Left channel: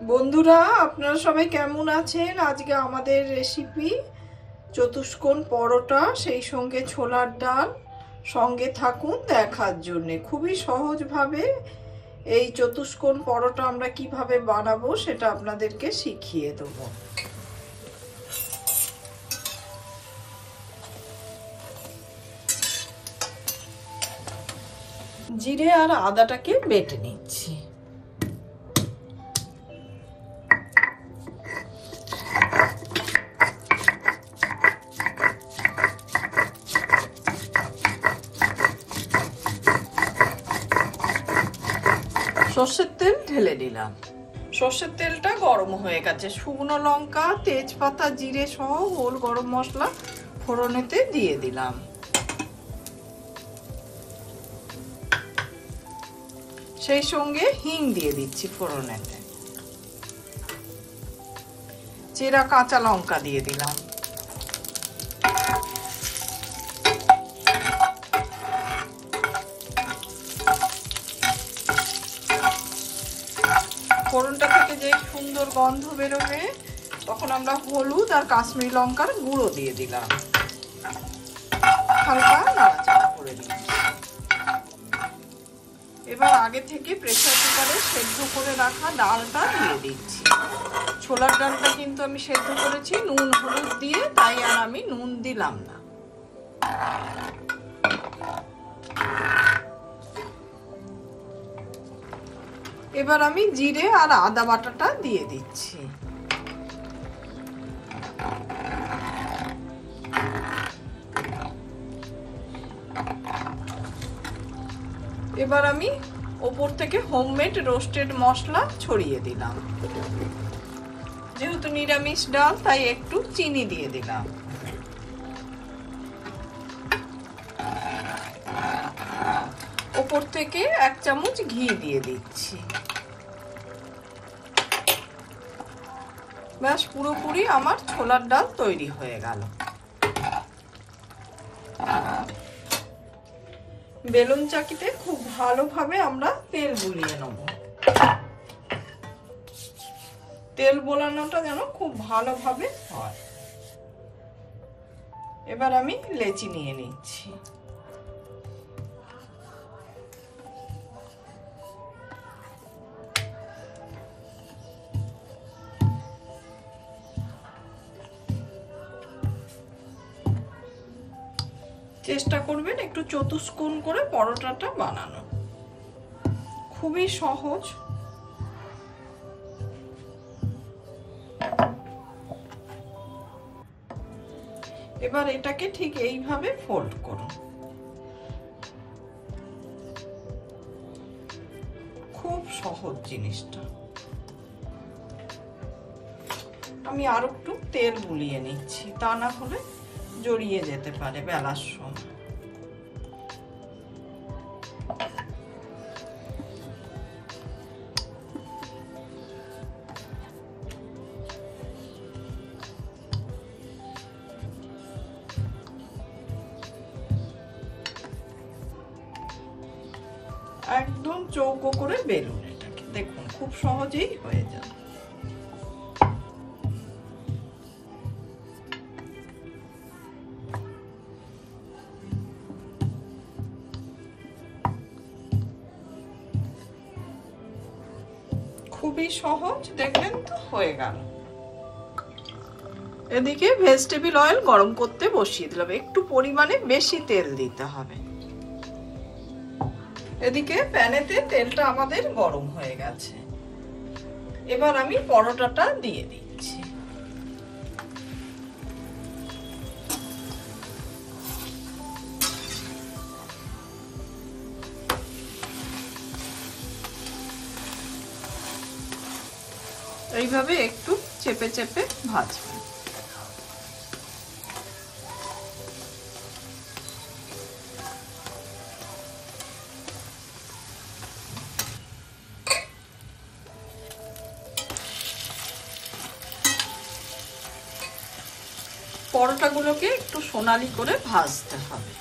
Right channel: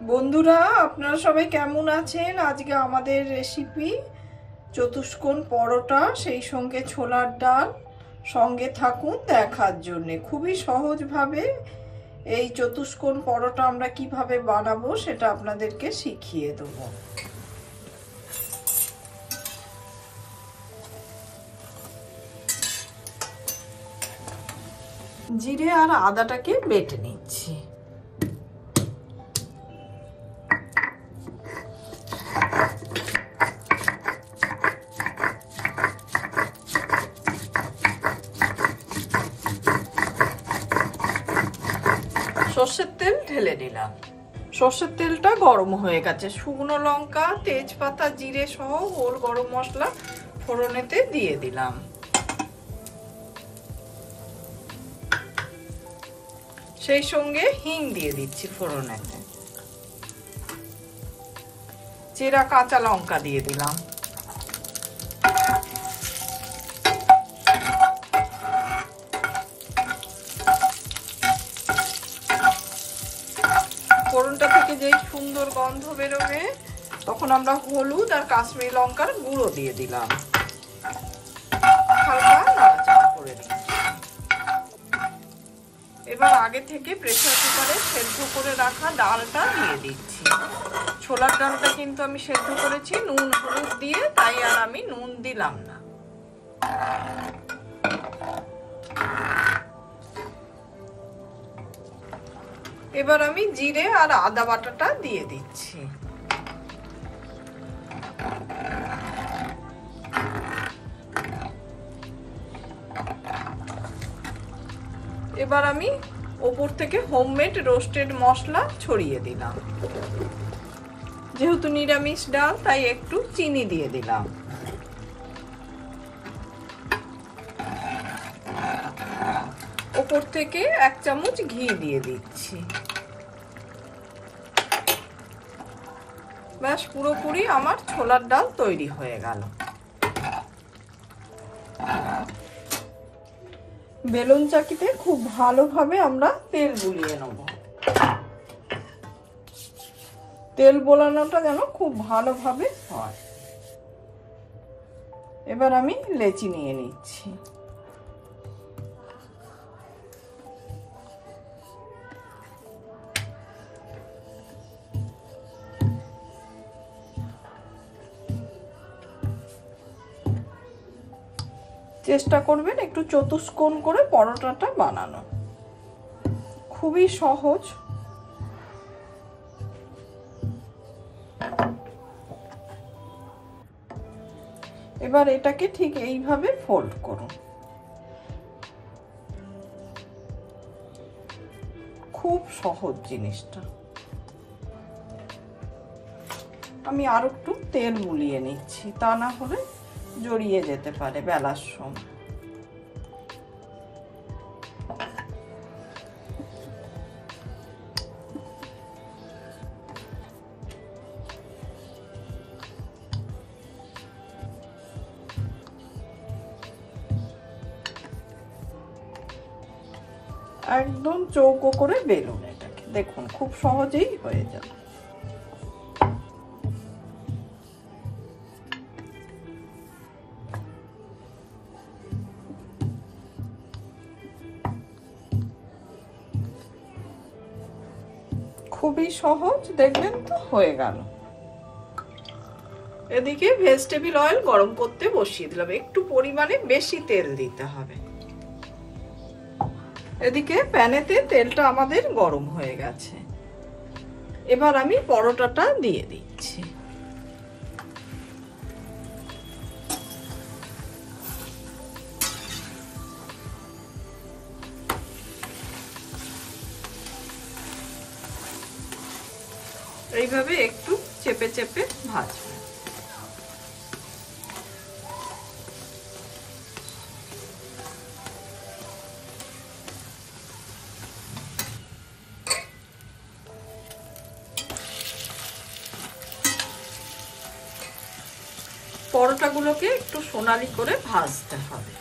বন্ধুরা, আপনারা সবাই কেমন আছেন? আজকে আমাদের রেসিপি চতুষ্কোণ পরোটা, সেই সঙ্গে ছোলার ডাল। সঙ্গে থাকুন দেখার জন্য। খুবই সহজভাবে এই চতুষ্কোণ পরোটা আমরা কিভাবে বানাবো সেটা আপনাদেরকে শিখিয়ে দেবো। জিরে আর আদাটাকে বেটে নিচ্ছি। সর্ষের তেল ঢেলে দিলাম। সর্ষের তেলটা গরম হয়ে গেছে। শুকনো লঙ্কা, তেজপাতা, জিরে সহ হোল গরম মশলা ফোড়নেতে দিয়ে দিলাম। সেই সঙ্গে হিং দিয়ে দিচ্ছি ফোড়নেতে। চেরা কাঁচা লঙ্কা দিয়ে দিলাম। ফোড়নটা থেকে যেই সুন্দর গন্ধ বেরোবে তখন আমরা হলুদ আর কাশ্মীরি লঙ্কার গুঁড়ো দিয়ে দিলাম। হালকা নাড়াচাড়া করে দিচ্ছি। এবার আগে থেকে প্রেসার কুকারে সেদ্ধ করে রাখা ডালটা দিয়ে দিচ্ছি। ছোলার ডালটা কিন্তু আমি সেদ্ধ করেছি নুন হলুদ দিয়ে, তাই আর আমি নুন দিলাম না। এবার আমি জিরে আর আদা বাটাটা দিয়ে দিচ্ছি। এবার আমি ওপর থেকে হোমমেড রোস্টেড মশলা ছড়িয়ে দিলাম। যেহেতু নিরামিষ ডাল তাই একটু চিনি দিয়ে দিলাম। ওপর থেকে 1 চামচ ঘি দিয়ে দিচ্ছি। ব্যাস, পুরোপুরি আমার ছোলার ডাল তৈরি হয়ে গেল। বেলুন চাকিতে খুব ভালোভাবে আমরা তেল বুলিয়ে নেব। তেল বোলানোটা যেন খুব ভালোভাবে হয়। এবার আমি লেচি নিয়ে নিচ্ছি। চেষ্টা করবেন একটু চতুষ্কোণ করে পরোটাটা বানানো। খুবই সহজ। এবার এটাকে ঠিক এইভাবে ফোল্ড করুন। খুব সহজ জিনিসটা। আমি আর একটু তেল বুলিয়ে নিচ্ছি, তা না হলে জড়িয়ে যেতে পারে বেলার সময়। একদম চৌকো করে বেলুন এটাকে। দেখুন খুব সহজেই হয়ে যাবে। খুবই সহজ, দেখবেন তো হয়ে গেল। এদিকে ভেজিটেবল অয়েল গরম করতে বসিয়ে দিলাম। একটু পরিমাণে বেশি তেল দিতে হবে। এদিকে প্যানেতে তেলটা আমাদের গরম হয়ে গেছে। এবার আমি পরোটাটা দিয়ে দিচ্ছি। এইভাবে একটু চেপে চেপে ভাজবেন। পরোটাগুলোকে একটু সোনালি করে ভাজতে হবে।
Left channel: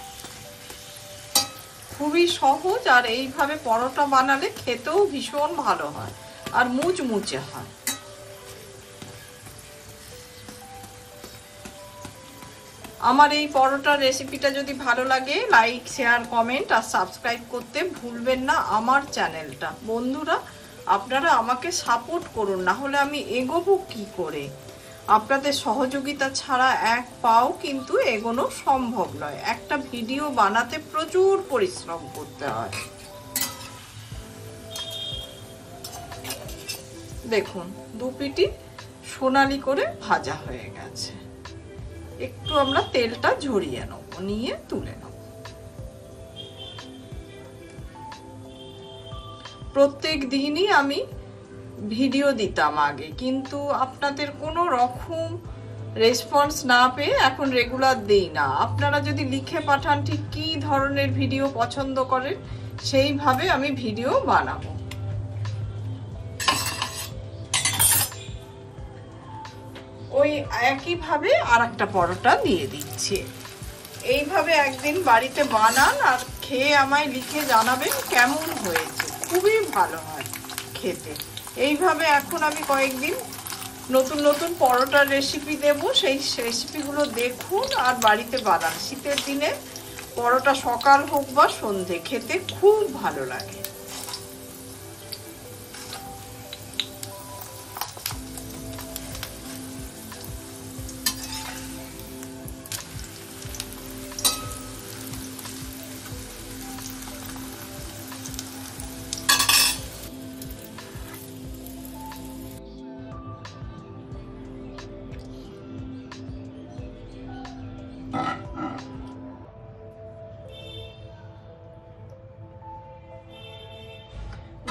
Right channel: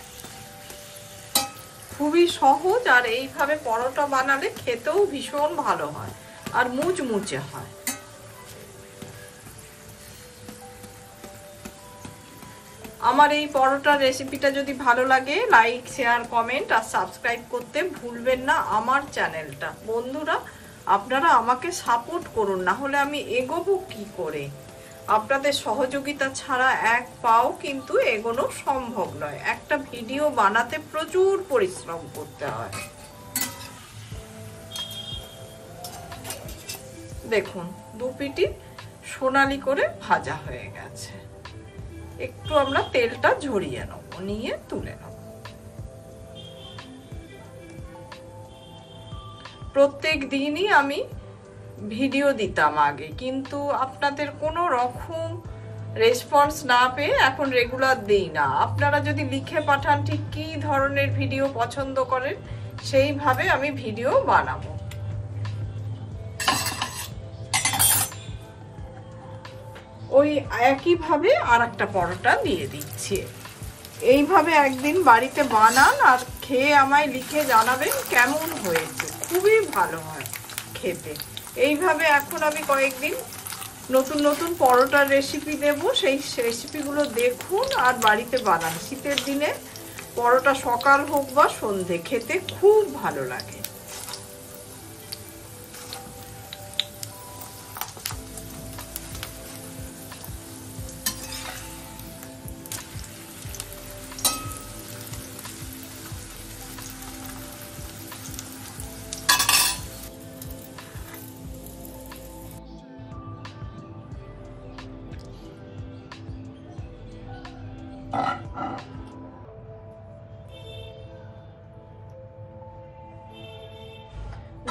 খুবই সহজ, আর এইভাবে পরোটা বানালে খেতেও ভীষণ ভালো হয় আর মুচমুচে হয়। আমার এই পরোটার রেসিপিটা যদি ভালো লাগে লাইক শেয়ার কমেন্ট আর সাবস্ক্রাইব করতে ভুলবেন না আমার চ্যানেলটা। বন্ধুরা আপনারা আমাকে সাপোর্ট করুন, না হলে আমি এগোবো কি করে? আপনাদের সহযোগিতা ছাড়া এক পাও কিন্তু এগোনো সম্ভব নয়। একটা ভিডিও বানাতে প্রচুর পরিশ্রম করতে হয়। দেখুন দু পিটি সোনালি করে ভাজা হয়ে গেছে। একটু আমরা তেলটা ঝরিয়ে নেব, নিয়ে তুলে নেব। প্রত্যেক দিনই আমি ভিডিও দিতাম আগে, কিন্তু আপনাদের কোনো রকম রেসপন্স না পেয়ে এখন রেগুলার দিই না। আপনারা যদি লিখে পাঠান ঠিক কী ধরনের ভিডিও পছন্দ করেন, সেইভাবে আমি ভিডিও বানাবো। ওই একইভাবে আর একটা পরোটা দিয়ে দিচ্ছি। এইভাবে একদিন বাড়িতে বানান আর খেয়ে আমায় লিখে জানাবেন কেমন হয়েছে। খুবই ভালো হয় খেতে। এইভাবে এখন আমি কয়েকদিন নতুন নতুন পরোটার রেসিপি দেব, সেই রেসিপিগুলো দেখুন আর বাড়িতে বানান। শীতের দিনে পরোটা সকাল হোক বা সন্ধে খেতে খুব ভালো লাগে।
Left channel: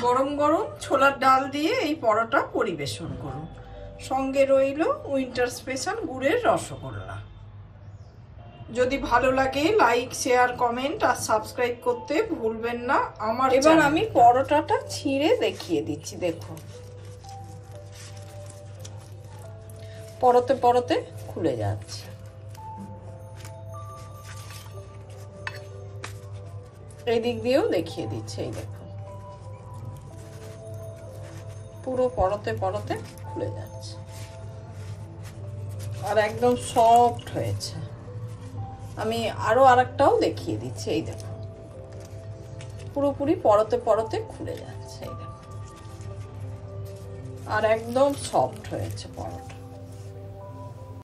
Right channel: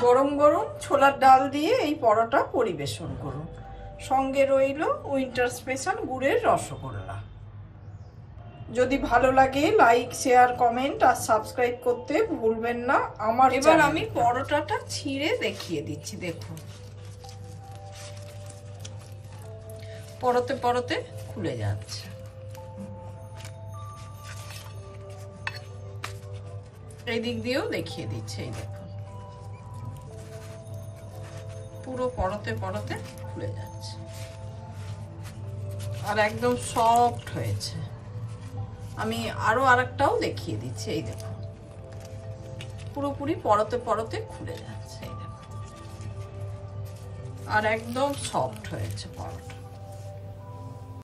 গরম গরম ছোলার ডাল দিয়ে এই পরোটা পরিবেশন করুন। সঙ্গে রইল উইন্টার স্পেশাল গুড়ের রসগোল্লা। যদি ভালো লাগে লাইক শেয়ার কমেন্ট আর সাবস্ক্রাইব করতে ভুলবেন না আমার। এবার আমি পরোটাটা ছিঁড়ে দেখিয়ে দিচ্ছি। দেখুন পরতে পরতে খুলে যাচ্ছে। এই দিক দিয়েও দেখিয়ে দিচ্ছে। এই দেখুন পুরো পরতে পরতে খুলে যাচ্ছে আর একদম সফট হয়েছে। আমি আরো আরেকটাও দেখিয়ে দিচ্ছি। এই দেখুন পুরোপুরি পরতে পরতে খুলে যাচ্ছে। এই দেখুন আর একদম সফট হয়েছে পরোটা।